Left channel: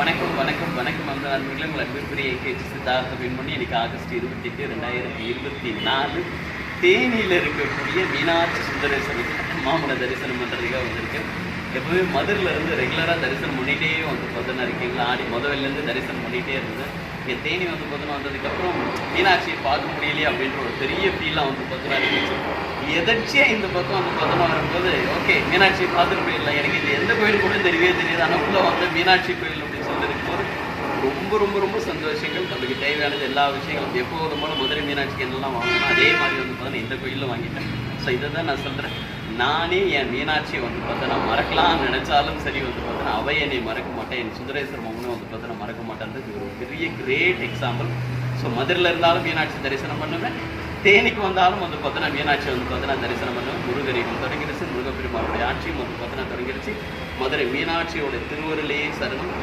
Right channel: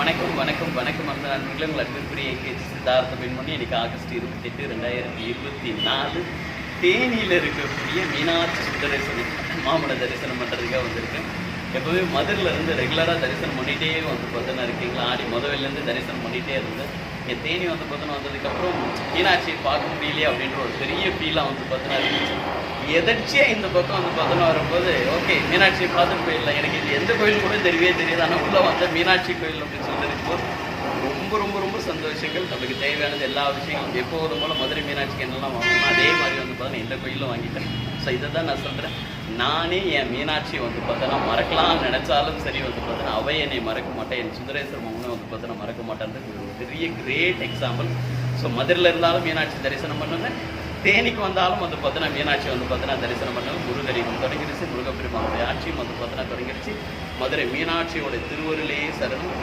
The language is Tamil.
வணக்கம் வணக்கம் வணக்கம் அந்த அன்புகளை உங்கள் அன்புக்குரிய எல்கேஜி சித்தார்த்த பெண்மணி இன்னைக்கு ஆகஸ்ட் 28, 2024 தேனியில் இருக்கக்கூடிய மீனாட்சி சுந்தரேஸ்வரர் மாமன தரிசனம் பண்ணுறதுக்காக வந்திருக்கேன். எப்பவுமே மதுரில் இருந்து ரெகுலராக தரிசனம் பண்ணிகிட்டே வந்து பார்த்தோன்னா இருக்கீங்களா, ஆடி முதல்லேருந்து தரிசனம் பண்ணிகிட்டே இருந்தேன். என் தேனி வந்து பார்த்தோன்னா வந்ததுக்கப்புறம் மீனாட்சி பார்க்க முடியலையே அப்படின்ற ஒரு பெரிய ஃபீலாக வந்து பார்த்தோன்னா இருந்துச்சு. எதர்ச்சியாக இந்த பக்கம் வந்து பார்த்தோன்னா வரும்போது ஓகே மீனாட்சியை பார்த்துட்டு போயிடலாம், எனக்கு இந்த எந்த கோயில் கூட தெரியவே தெரியாது, ஆனால் உள்ளே வந்த மீனாட்சி கோயில் அப்படின்னு சொல்லியிருக்கும்போது ரொம்ப ரொம்ப ரொம்ப சந்தோஷங்கள். நம்மளுக்கு தேவையானது எல்லா விஷயங்களும் எப்போதும் போல மதுரை மீனாட்சிக்கு என்னெல்லாம் வாங்கணும் அதே மாதிரி வந்து பார்த்தோன்னா இந்த கோயிலில் வாங்கிட்டேன். ஸோ இதை தான் நான் சொல்கிறேன். நானே என் மீனாட்சியை வந்து பார்த்தோன்னா மறக்கலாம்னு நினச்சாலும் சரி வந்து பார்த்தோன்னா அவை என்னை மறக்க மாட்டேன், என் சுந்தரேஸ்வரர் மகனும் வந்து பார்த்தோன்னா மறக்க மாட்டேன்றது ஒரு பெரிய கிரேட் எக்ஸாம்பிள். ஸோ மதுரையில் இருந்தாலும் மீனாட்சி தரிசனம் பண்ணுங்க, தேனிக்கு வந்தாலும் வந்து பார்த்தோன்னா மீனாட்சி வந்து பார்த்தோன்னா தரிசனம் பண்ணுவேன். முருகரிடம் தொடங்கிடுச்சு, முருகப்பெருமானுடைய ஆட்சியும் வந்து பார்த்தோன்னா தொடங்கிடுச்சு. மதுரை மீனாட்சியோட திருவருளே சரணம்.